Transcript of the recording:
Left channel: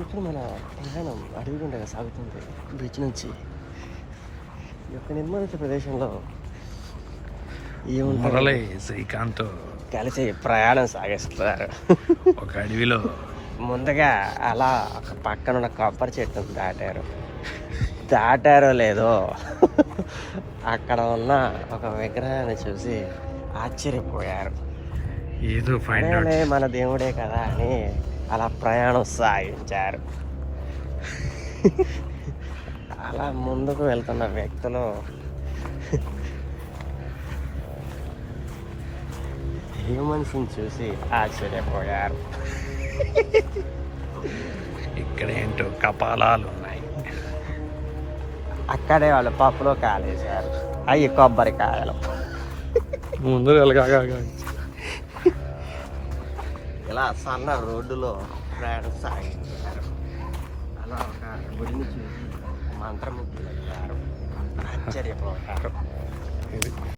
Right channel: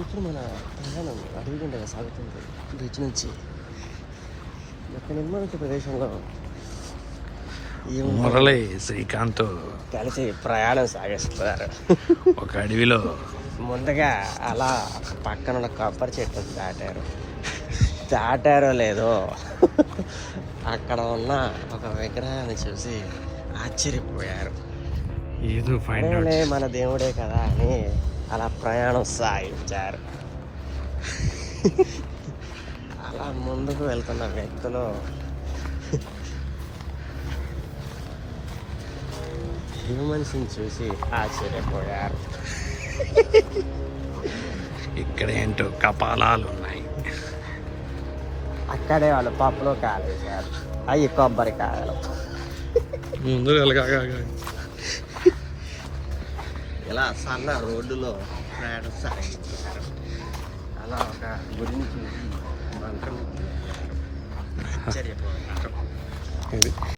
ఇప్పుడు మన ప్రయాణం అడవిగుండగా సాగుతుంది. బీచ్ నుంచి ఒక నెమ్మది ప్రదేశంలో మురళి శ్రీకాంత్ కలిసి ప్రయాణం సాగిస్తున్నారు. ఒక అడవిలో ముందుగా అలా పక్కన ఉన్న కొబ్బరి చెట్టు దాటారో లేదో అక్కడ ఉన్న ఒక విగ్రహాన్ని చూసి ఆశ్చర్యపోయారు. ఏదో ఫైండ్ అవుట్ మన దేవుడే కదా అని అలా ప్రయాణం సాగించారు. అలా ముందుకు వెళ్తున్న వ్యక్తులు హ్యూమన్స్ని చూసి ఆశ్చర్యపోయారు. ఇక్కడ ఏంటో కపాలాలు ఉన్నాయి. అక్కడే వాళ్ళు పప్పులో కాలేశారు. అవి కొబ్బరికాయలు. ముందు ఇలా సన్న రోడ్డులో ప్రయాణం సాగించారు. అలా ఒక గుడిని చూసి మంత్రం ఆశ్చర్యపోతారు.